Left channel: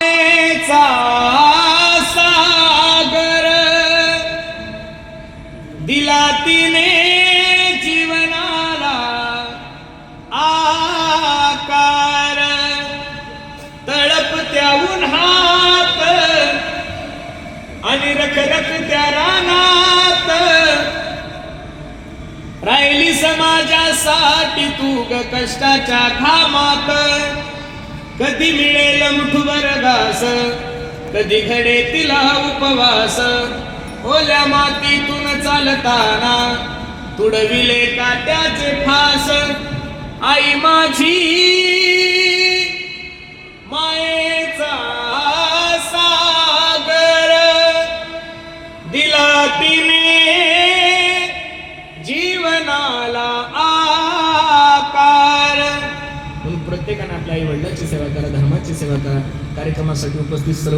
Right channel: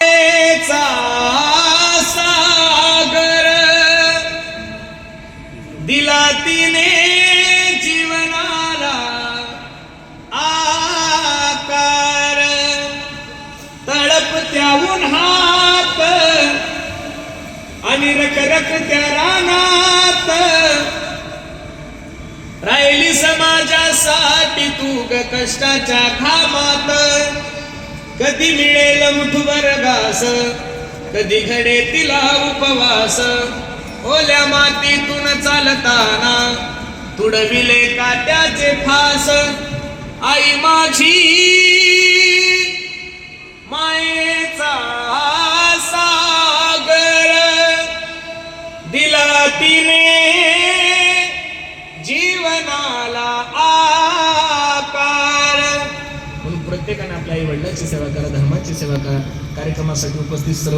चा सागर दिला तिने जीवनाला आकार, तळपत्या उन्हात आणि रखरखत्या रानात राहिली समाजासाठी तू ग कष्टाच्या घामात. कधी मिळेल मुठभर घास, कधी घडे तिला उपवास. ओल्या मातीतून चालताना तुडविले काट्याचे फास. आई माझी मायेचा सागर दिला तिने जीवनाला आकार. म्हणून प्रत्येकाने आपल्या आई वडिलांची सेवा करा, धर्माची सेवा करा. कार्यक्रमासाठी उपस्थित सर्व